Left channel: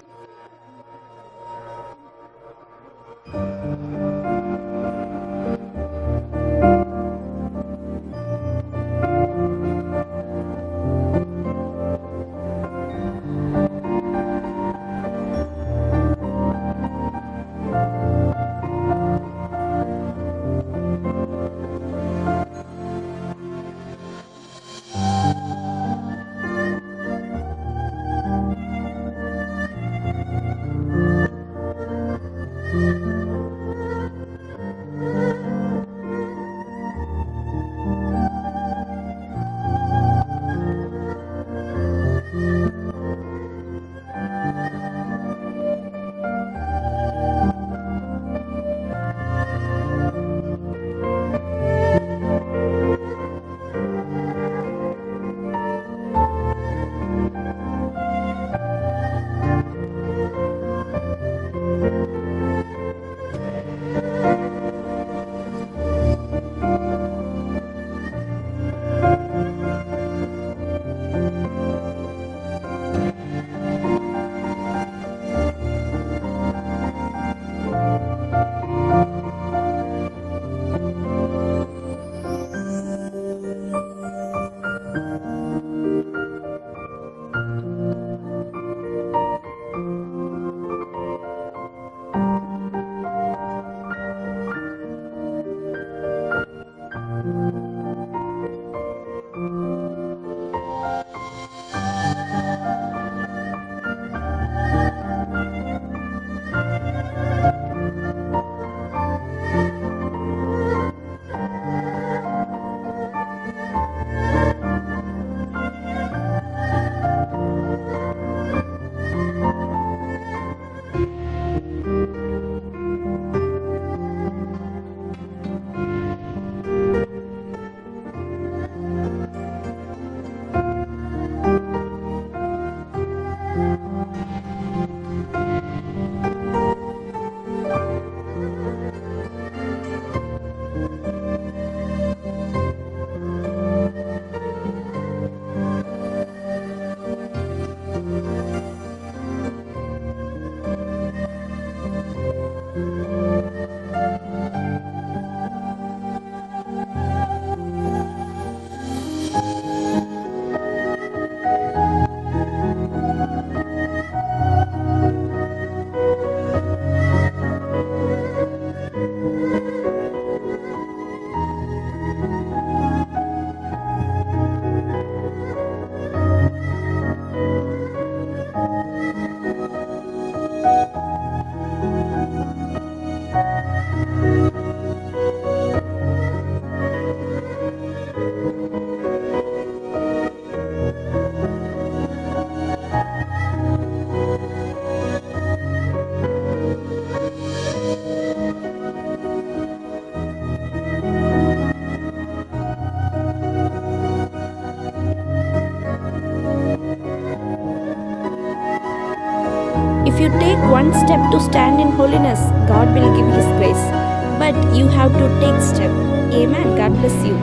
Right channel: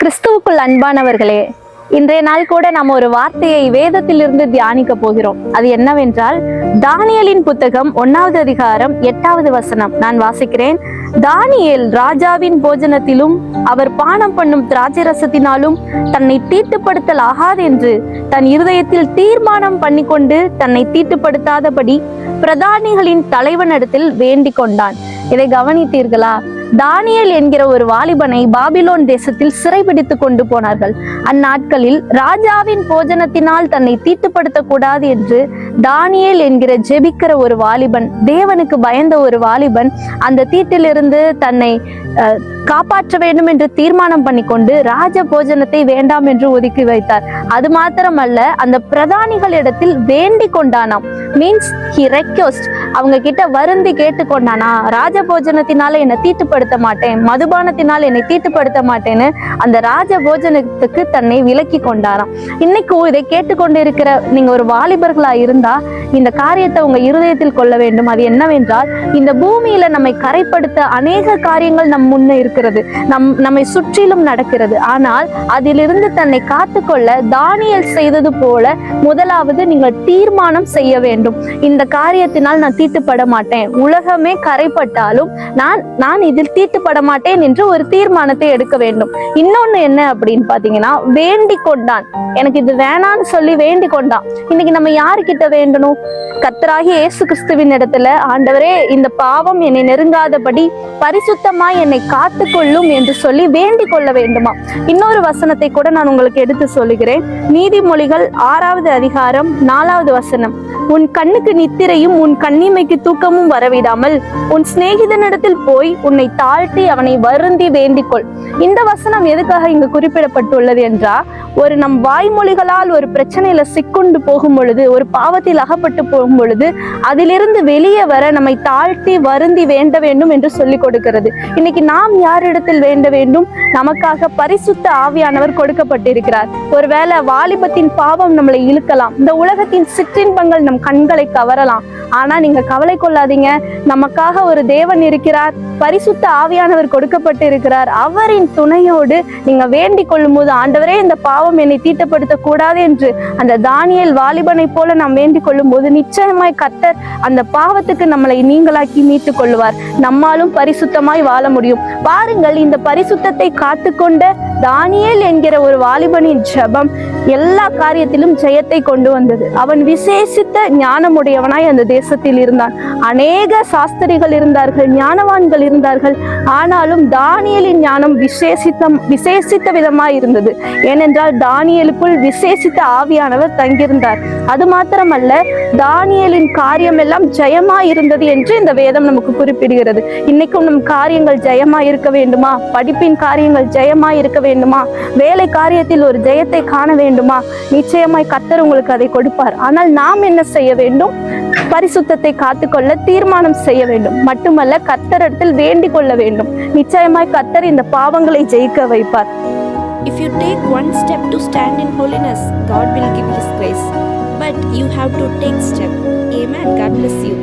கிறிஸ்துவுக்குள் அன்பானவர்களே, இன்றைய நாள் கூட நாம் ஒரு வார்த்தையை வேதத்திலிருந்து தியானிக்க போகிறோம். அது என்னவென்றால், தானியேலின் புத்தகம் 1வது அதிகாரம் 8வது வசனம். நான் வாசிக்கிறேன். தானியேல் ராஜாவின் போஜனத்திலும் அவர் பானம் பண்ணும் திராட்சரசத்தினாலும் தன்னை தீட்டுப்படுத்தல் ஆகாது என்று தன் இருதயத்தில் தீர்மானம் பண்ணிக்கொண்டு தன்னை தீட்டுப்படுத்தாதபடி பிரதானிகளின் தலைவனிடத்தில் வேண்டிக் கொண்டான். இதை கவனித்தீர்களா? தானியேல் என்கிற ஒரு வாலிபனை பாபிலோன் தேசத்தில் சிறைபிடித்து கொண்டு போனார்கள். அந்நாட்களில் ராஜாவின் போஜனத்தினால் தன்னை தீட்டுப்படுத்த கூடாது என்று தானியேல் என்கிற ஜெபிக்கிற ஒரு வாலிபன், தேவனுக்கு பயந்த ஒரு வாலிபன், அந்த தீட்டிலிருந்து தன்னை காப்பாற்ற வேண்டும் என்று தீர்மானம் பண்ணிக்கொண்டு ராஜ போஜனத்தை வேண்டாம் என்று ஒதுக்கி வைத்தார். அது மாத்திரமல்ல, அந்த பிரதானிகளிடத்தில் வேண்டிக் கொண்டானாம். மீன்ஸ் ஹி ரெக்வெஸ்ட், அவங்க கிட்ட வருந்தி கேட்டுக்கொண்டானா, ராஜ போஜனத்தினால என்னை தீட்டுப்படுத்த மாட்டேன், மதுபானத்தினால் என்னை தீட்டுப்படுத்த மாட்டேன்னு அந்த ராஜ போஜனத்துக்கு தன்னை விலக்கி கொண்டாராம். இன்னைக்கும் இதை கேட்டுக்கொண்டு இருக்கிற நீங்க ஒரு வாலிபர்களா இருந்தா இந்த காரியத்தை உங்க இருதயத்தில் கொள்ள வேண்டும். அது என்னவென்றால், இந்த பூமியில நம்மை கரைப்படுத்த அநேக காரியங்கள் நம் முன்ன இருக்கிறது, நம்மை சுற்றிலும் நடக்கிறது. ஆனால் அதிலிருந்து தன்னை காத்துக்கொள்ள தானியேல் செய்தது போல முதலாவது நீங்கள் தீர்மானம் செய்ய வேண்டும். இந்த காரியத்தினால் நான் தீட்டுப்பட மாட்டேன், உலகமே கரைப்பட்டாலும் நான் இதில் தீட்டுப்பட மாட்டேன் என்று ஒரு தீர்மானத்தை எடுக்க வேண்டும். இன்னொன்னு என்ன அப்படின்னு பாத்தீங்கன்னா, வேண்டிக் கொண்டான். எனக்கு இது வேணான்னு சொல்லி வேண்டிக் கொண்டான். இன்னைக்கு நம்ம யாருக்கிட்ட வேண்டணும்? கர்த்தராகிய இயேசு கிறிஸ்துவின் இடத்துல, ஆண்டவரே இந்த பாவம் என்னை நெருங்காதபடி பரிசுத்தமாய் என்னை காத்துக்கொள்ளும் என்று சொல்லி வேண்டிக் கொள்ள வேண்டுமா? இன்னொரு வசனத்தை கூட நான் உங்களுக்கு எடுத்து சொல்லுகிறேன். நீதிமொழிகள் 6வது அதிகாரம் 4வது வசனம். உன் கண்ணுக்கு நித்திரையும் உன் கண்ணிமைக்கு தூக்கமும் வரவிடாமல் உன் சிநேகிதனிடத்தில் போய் உன்னை தாழ்த்தி அவனை வருந்தி வேண்டிக்கொள். இந்த வசனம் எதுக்காக இங்கு குறிப்பிடப்பட்டுள்ளது என்றால், ஒரு நம் வாய்மொழிகளால் ஒரு பிரச்சனையில சிக்குண்டு போகும் பொழுது, ஒரு பாவத்தில் அகப்பட்டு போகும் பொழுது, அதிலிருந்து வெளியே வர நம்மை தாழ்த்தி வருந்தி வேண்ட வேண்டும் என்று சொல்லிக் கொடுக்கிறது. இன்னைக்கு நாம் யாரிடத்தில் வேண்ட வேண்டும்? நமக்காக பரிசுத்த ஆவியானவர் கொடுக்கப்பட்டிருக்கிறார். ஒருவேளை வாலிபத்தின் பாவம் நம்மளை இழுக்கலாம், இந்த உலகத்தின் சிற்றின்பங்கள் நம் கண்களை கவரலாம். ஆனா நீங்க கவலை கொள்ளாதீங்க, நமக்காக ஒரு தேவன் இருக்கிறார், பரிசுத்த ஆவியானவர் கொடுக்கப்பட்டு இருக்கிறார். அவரின் துணையோடு நீங்க வேண்டிக் கொள்ளும் போது, ஆண்டவரே இந்த பாவம் என்னை தீட்டுப்படுத்த கூடாது என்று அந்த தானியேல் வாலிபனை போல நாம் வேண்டிக் கொள்ளும் போது, நிச்சயமாய் கர்த்தர் அந்த பாவத்துக்கு நம்மளை நீங்களாக்கி மீட்டுக் கொள்ளுவார். நம்மாலும் பரிசுத்தமாய் வாழ முடியும். பாருங்கள், இந்த பரிசுத்தத்தை காத்துக்கொண்ட தானியேல் என்கிற ஒரு வாலிபனின் ஜெபம் எல்லா காரியத்திலும் ஜெயத்தை கொண்டு வந்தது. அவன் விசேஷித்த ஞானமுடையவனாய் அந்த தேசத்தில் இருந்தான். அநேக சாஸ்திரிகள் இருந்தார்கள், ஞானவான்கள் இருந்தார்கள். ஆனாலும் தானியேலின் ஞானம் விசேஷித்த விதமாய் இருந்தது. ஏனென்றால் தானியேலுக்குள் விசேஷித்த ஆவியானவர் தங்கியிருந்தார். அது மாத்திரமல்ல, தானியேலின் காரியம் எல்லாம் ஜெயமாய் இருந்தது என்று இந்த வேதம் நமக்கு குறிப்பிடுகிறது. இன்னைக்கும் நம் காரியங்கள் ஜெயமாய் இருக்க வேண்டுமா? படிப்பின் காரியங்கள் ஜெயமாய் இருக்க வேண்டுமா? வேலை காரியத்தில் ஒரு ஜெயத்தை காண வேண்டுமா? நிச்சயமாய் கர்த்தர் உங்களுக்கு அதை கொடுப்பார். ஆனால் நாம் என்ன செய்ய வேண்டும்? பரிசுத்தத்தை காத்துக்கொள்ள தீர்மானம் செய்ய வேண்டும். மட்டுமல்ல, கர்த்தரிடத்தில் வேண்டிக் கொள்ள வேண்டும். நிச்சயமாய் கர்த்தர் இந்த பாவங்களை ஜெயிக்க வைப்பார். If you take one step to stand in holiness, God will give His grace. But you have to take step. Amen. God bless you.